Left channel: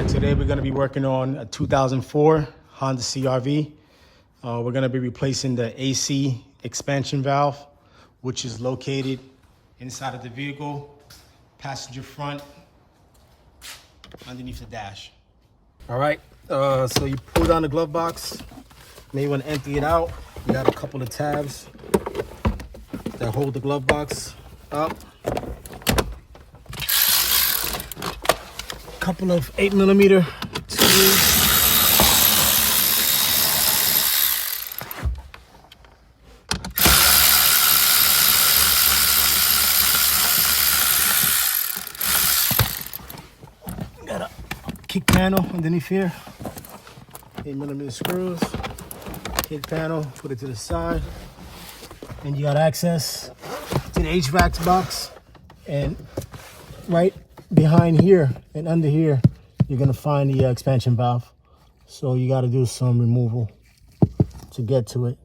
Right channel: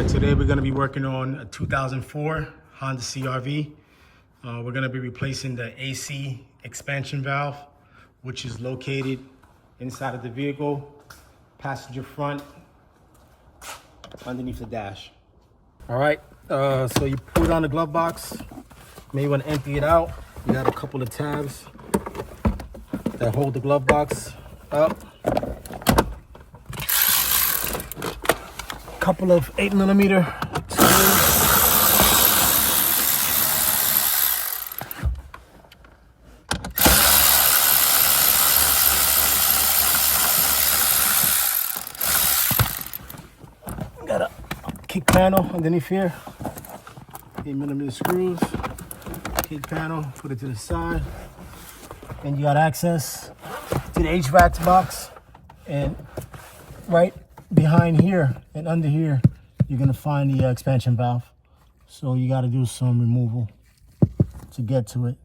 right, today we're going to be working on a 2004 Honda CR-V. We're going to be replacing the AC expansion valve, which is located inside of the vehicle, passenger front, underneath the dash. All right, so you pull down the glove box. May want to empty it out. You got a couple of tabs that hold the glove box up. Couple of 8mm screws. Got a kick panel underneath here. 8mm screws. Kick panel, put it to the side. And you got access to the HVAC box. And right behind here and under here, you're gonna find the expansion valve. So you gotta do some removal to get to it.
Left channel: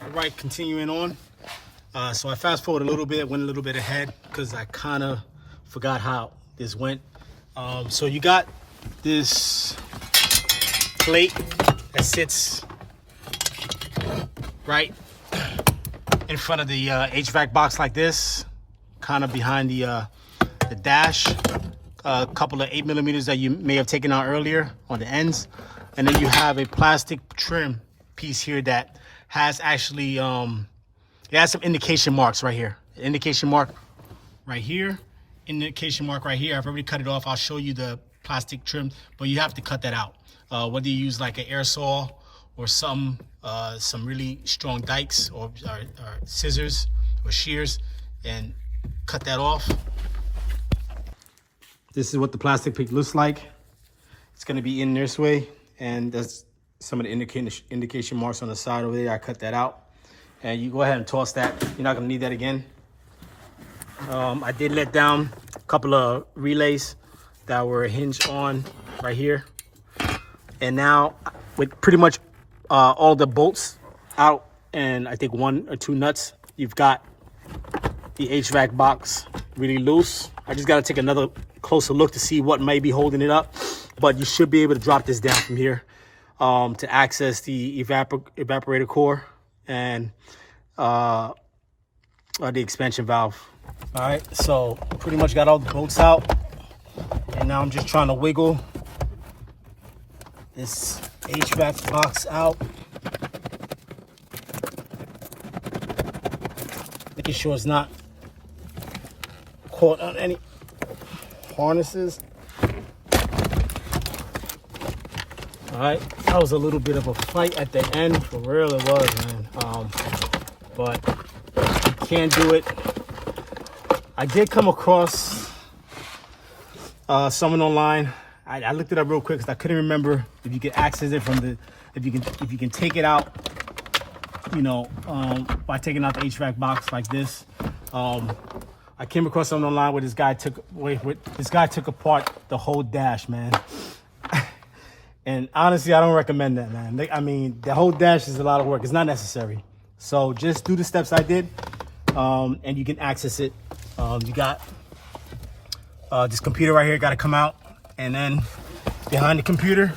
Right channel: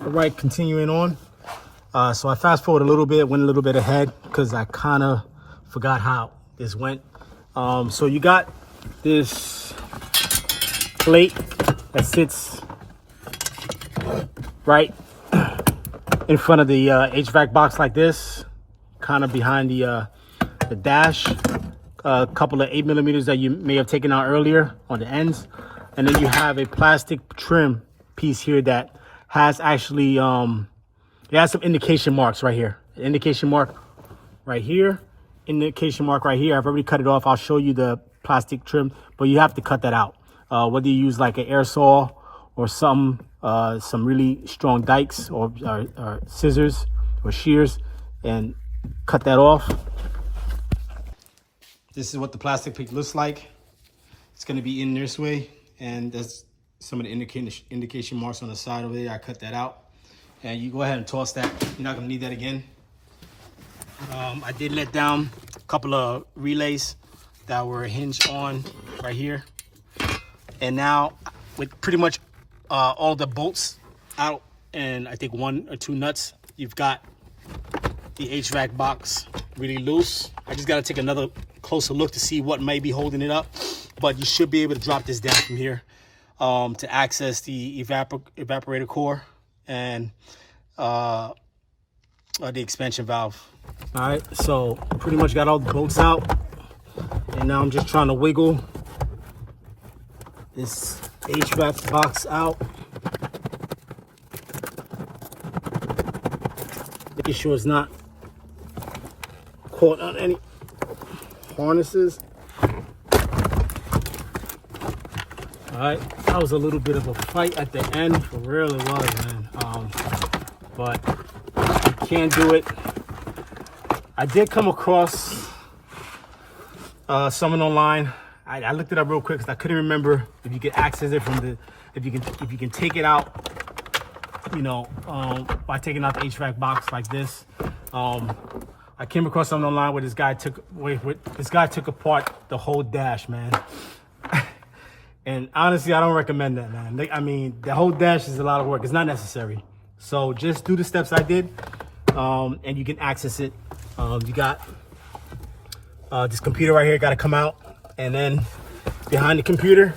All right, continuing on. So I fast forward a little bit, went a little bit ahead because I kind of forgot how this went. So you got this plate that sits right in front of the HVAC box like this, kind of behind the dash. A couple of 8mm that you may have taken out earlier on the ends. And then you have a plastic trim piece here that has actually, it has some indication marks right here. Indication mark right here. Indication mark right here. I've already cut it off. I'll show you the plastic trim, but you have to cut that out. Whether you use like an air saw or some really strong dikes or scissors or shears and cut that off. This is what the plastic piece looks like. It's going to be in this way, and that's some of the indication marks on the side over there. I cut that out, and you go ahead and toss that. You're not going to need that again. I did let down a couple of relays that were hinged on right here. And now with pretty much all the bolts out and I think 1 or 2 nuts, you've got the HVAC box really loose. I just got to take another closer look to see what may be holding it up. But you should be able to drop this down from here to access the evaporator core and the expansion valve. All right, so pretty much got all the bolts out, and now I'm just trying to wiggle this HVAC box out, making sure it's not caught on any harnesses. All right, that was a little bit of a fight at the end, for real it was, man. But you can't do it. I did come across someone online. I looked it up real quick because I couldn't remember if you could access it from the, if you can take it out, you know, by taking out the HVAC box like this. I came across something online where this guy took apart the whole dash, man. And honestly, I don't recommend that, man. I mean, the whole dash is a lot of work. It's not necessary. So just do the steps I did, and you can access it. You got this computer right here, got to come out. And then behind the computer,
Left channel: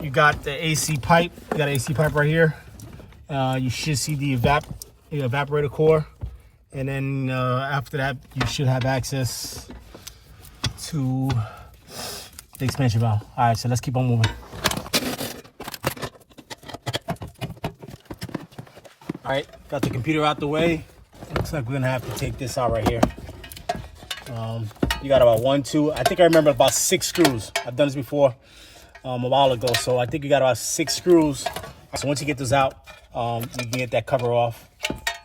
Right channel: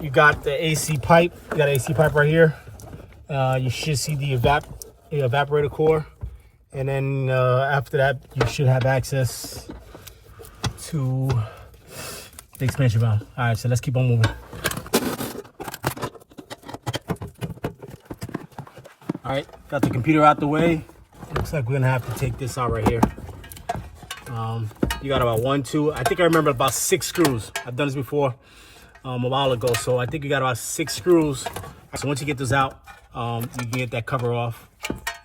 you got the AC pipe. You got an AC pipe right here. You should see the evaporator core. And then after that, you should have access to the expansion valve. All right, so let's keep on moving. All right, got the computer out the way. Looks like we're gonna have to take this out right here. You got about 1, 2, I think I remember about 6 screws. I've done this before a while ago, so I think you got about 6 screws. So once you get those out, you can get that cover off,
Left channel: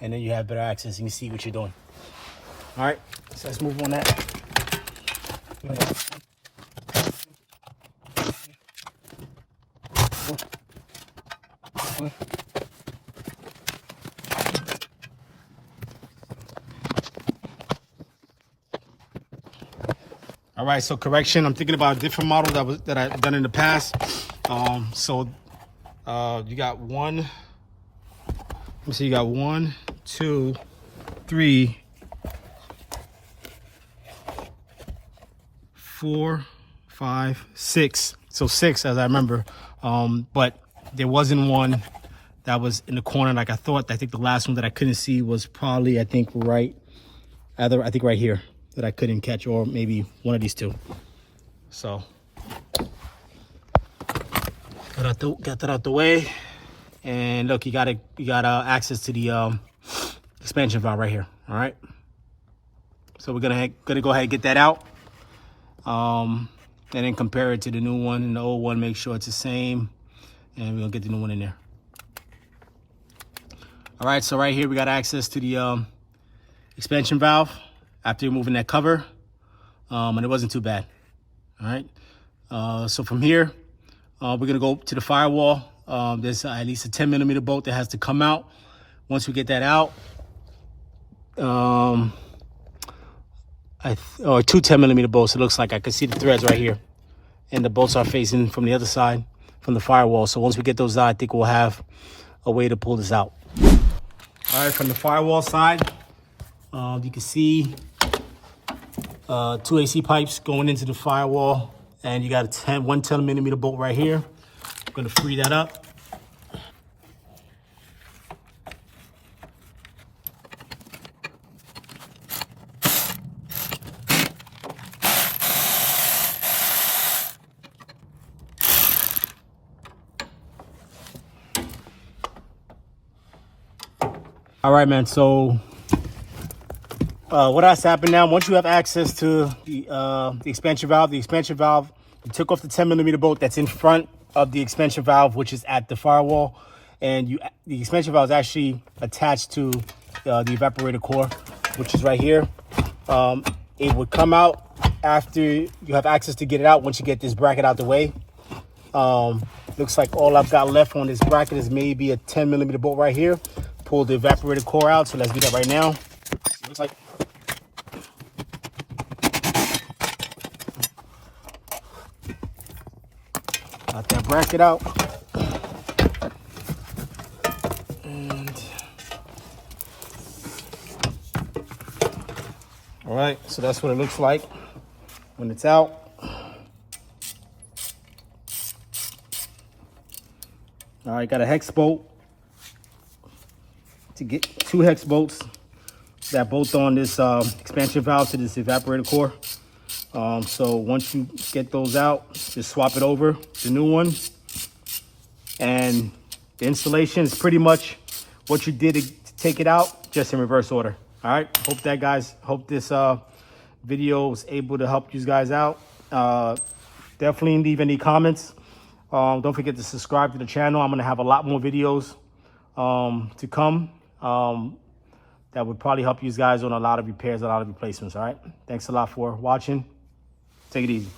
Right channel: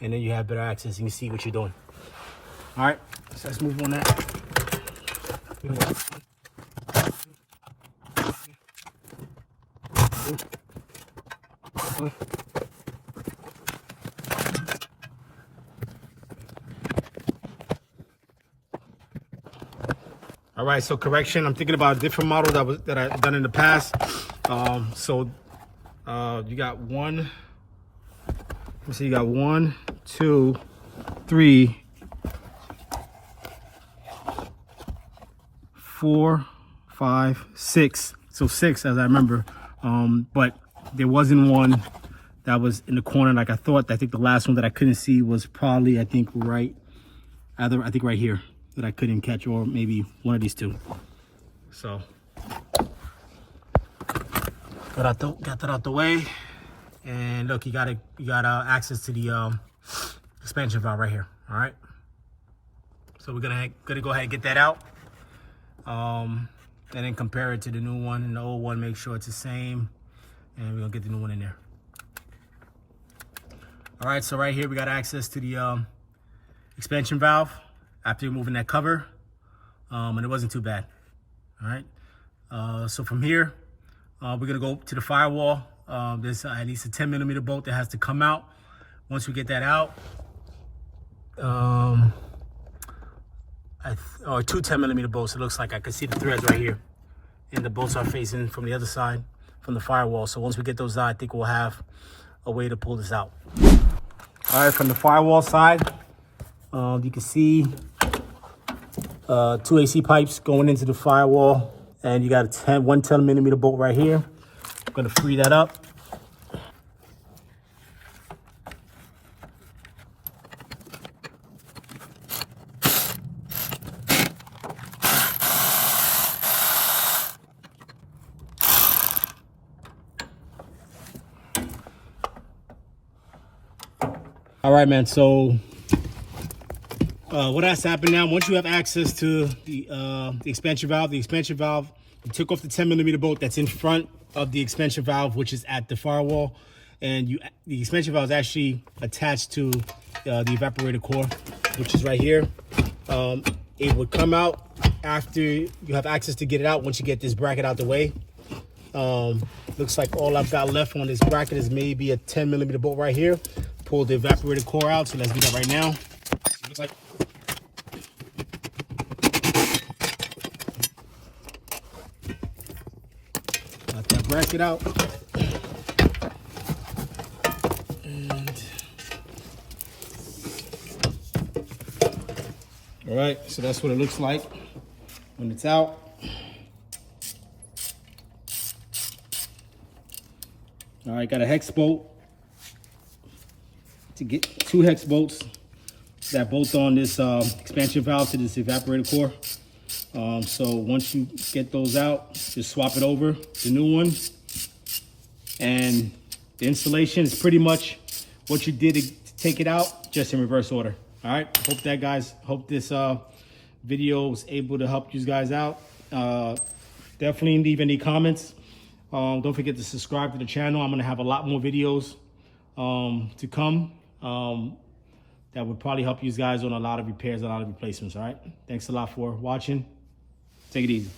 and then you have better access. You can see what you're doing. All right, so let's move on that. All right, so correction. I'm thinking about a different model that I've done in the past. You got one. Let me see. You got 1, 2, 3, 4, 5, 6. So 6, as I remember. But there wasn't one that was in the corner like I thought. I think the last one that I couldn't see was probably, I think right here that I couldn't catch, or maybe one of these two. So got that out the way, and look, you got access to the expansion valve right here. All right, so we're gonna go ahead and get that out, and then compare it to the new one and the old one. Make sure it's the same, and we're gonna get the new one in there. All right, so right here we got access to the expansion valve after removing that cover, and it wasn't too bad. All right, so from here we're gonna go to the firewall. There's at least a 10mm bolt that has to come out. Once we get that out, or 2 10mm bolts. It looks like I can see the threads right here, and the bolts are facing from the other side from the firewall. So once we get those out, I think we'll have a way to pull this out. All right, from the firewall side, you can see 2 AC pipes going into the firewall, and you got a 1 10mm bolt right here. I'm gonna free that up. All right, man, so what has happened now, once you have access to the expansion valve, you took off the 10mm bolt that's in front of the expansion valve, which is at the firewall, and the expansion valve is actually attached to the evaporator core, which is right here. It would come out after you have access to get it out, once you get this bracket out the way. Looks like all I've got left on this bracket is maybe a 10mm bolt right here. Pull the evaporator core out, so let's do that right now. So looks like got that bracket out, and all right, so that's what it looks like when it's out. All right, got a hex bolt to get 2 hex bolts that bolt on this expansion valve to this evaporator core. So once you get those out, just swap it over the new one, and the installation is pretty much what you did to take it out, just in reverse order. All right, hope this video was able to help you guys out. Definitely leave any comments. Don't forget to subscribe to the channel. I'm gonna have a lot more videos to come that would probably help you guys on a lot of repairs, a lot of replacements. All right, thanks a lot for watching. Take it easy.